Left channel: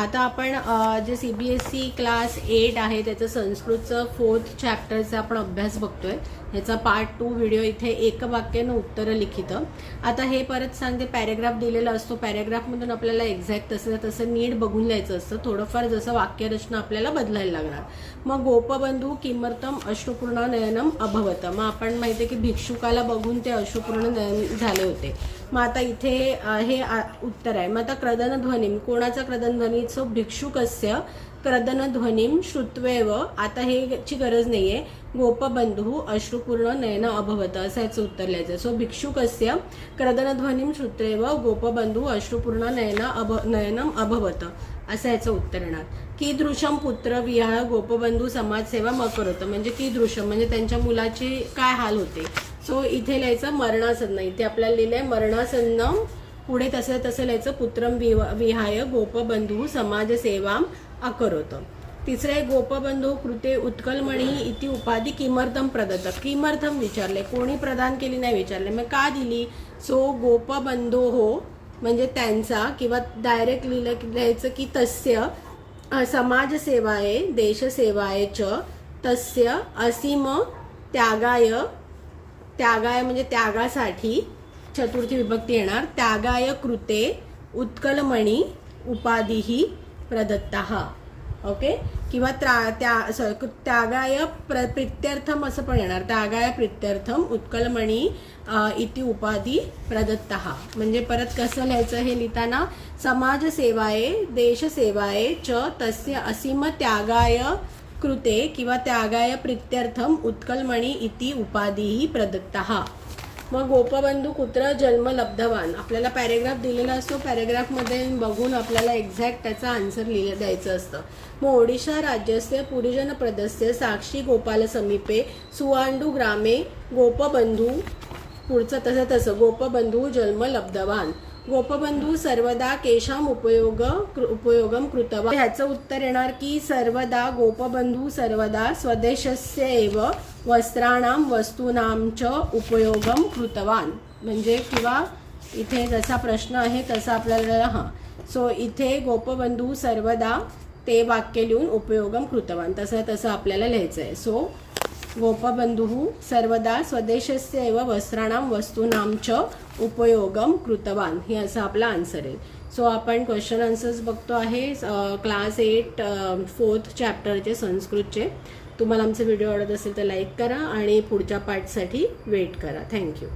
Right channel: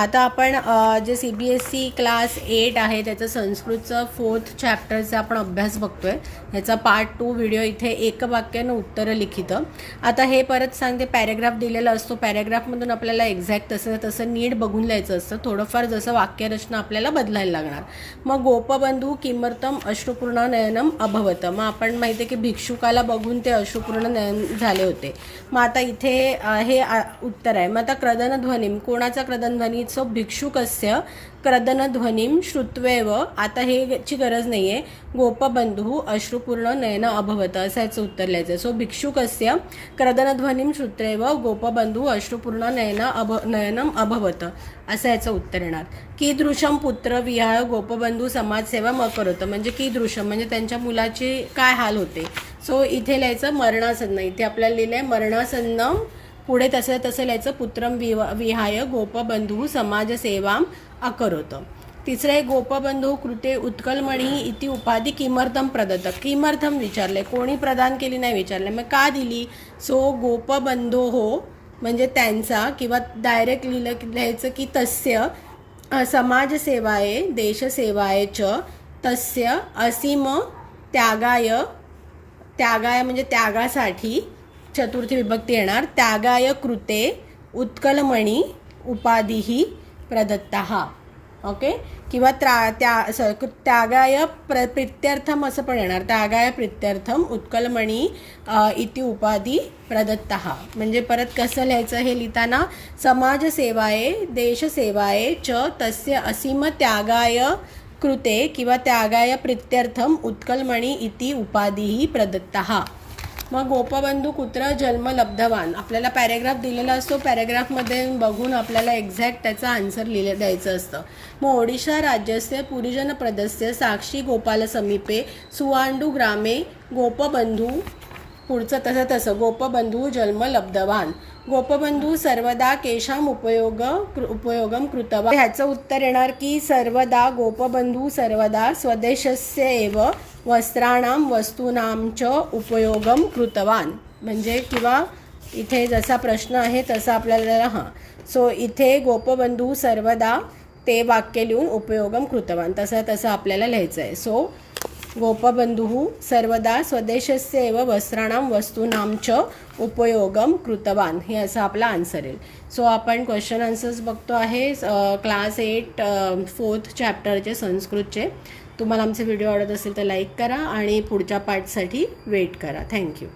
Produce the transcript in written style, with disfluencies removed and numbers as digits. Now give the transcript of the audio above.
आता आपण जे CBSE क्लास 8 आहे त्याचं संस्कृतचं 4th चॅप्टरचा आपण अभ्यास बघतोय। ह्याचा पार्ट 2 व्हिडिओ इथे एक वाक्यानं उत्तरं लिखित। आता हे परत सांगते, पॅराग्राफ दिलेला असतो, पॅराग्राफमधून आपल्याला एक्झॅक्ट तसं नीट बघून लिहायचं असतं, थोडंफार जसं वाक्यरचना आपल्याला बदलायला लागणार। मग गोपबंधू किमर्थम अश्रुपूर्ण नयनम अभवत, मग आपण माहिती आहे की भिक्षुकाला बघून ते अश्रुपूर्ण नयन झाले होते। मग आता इथे हे उत्तर आहे। मग आता क्रदनध्वनिम, कोणाचा क्रदनध्वनी? सो भिक्षुकस्य क्रदनध्वनिम श्रुत्वेव, आता हेची गरज नाही आहे, गोपबंधू अश्रुपूर्ण नयन अभवत असायचं उत्तर लिहायचं। सो भिक्षुकस्य क्रदनध्वनिम श्रुत्वेव गोपबंधू अश्रुपूर्ण नयनम अभवत असायचं उत्तर येणार। कीदृशम पुत्र विहाय गोपबंधू समाजसेवा अकरोत, म्हणजे कीदृशम म्हणजे त्यांच्या मुलाचे काय हाल होते। सो इथे लिहायचं मरणासन्न, इथे आपल्याला लिहिलंय मरणासन्न, पुढे तसं लिहायचं पुत्रम विहाय गोपबंधू समाजसेवाम अकरोत। तिसरं आहे गोपबंधू कृते उत्कलमणी इति उपाधी किमर्थम प्रदत्त, किमर्थम विचारले, कोणी प्रदान केली नाही विचारले, मग का दिली? सो गोपबंधो हो म्हणजे त्यांचा, किंवा डायरेक्ट लिहायचं की तस्य समाजसेवाये देशसेवाये च तस्य असीम त्यागाय, त्यागाय म्हणजे त्यागासाठी, चतुर्थी विभक्ती येणार, त्यागाय कृते उत्कलमणी उपाधीही प्रदत्तः, ओके, किंवा त्यागाय प्रीत्यर्थम असं पण येणार, त्यागाय प्रीत्यर्थम उत्कलमणी इति उपाधी प्रदत्तः, म्हणजे परत कसं लिहायचं हे लिहिताना, समाजसेवाये देशसेवाये च तस्य असीम त्यागाय कृते किंवा त्यागाय प्रीत्यर्थम उत्कलमणी इति उपाधीही प्रदत्तः। मग गोपबंधू कुत्र जन्म लब्धवान, आपल्याला पॅरेग्राफ दिलेला असतो, पॅरेग्राफमध्ये बघून आपल्याला एक्झॅक्ट त्याचा आन्सर द्यायचं असतं। मग ओडिशा राज्यस्य पुरीजन प्रदस्य साक्षी गोपाल समीपे सुवांडू ग्रामे गोपबंधू, पुढचं तसं गोपबंधू जन्म लब्धवान, गोपबंधू सर्वदा केशाम उपयोगम कृतवान, ह्याचं उत्तर येणार की सर्वदा गोपबंधू सर्वदा स्वदेशस्य एव वस्त्राणाम वस्तूनाम च उपयोगम कृतवान, म्हणजे किंवा इथे जसा प्रश्न आहे तसा आपल्याला सो इथे गोपबंधू सर्वदा ते वाक्य लिहून उपयोगम कृतवान तसं आपल्याला लिहायचं आहे। सो गोपबंधू सर्वदा स्वदेशस्य एव वस्त्राणाम वस्तूनाम च उपयोगम कृतवान, हे असं आपला आन्सर येईल। सो आपण क्वेश्चन आन्सर्स बघतो आहे क्लास 8 4th चॅप्टरचे संस्कृतचे। तुम्हाला आमचे व्हिडिओ आवडत असेल तर लाईक करा आणि पुढच्या पार्टसाठी वेट करा। थँक्यू।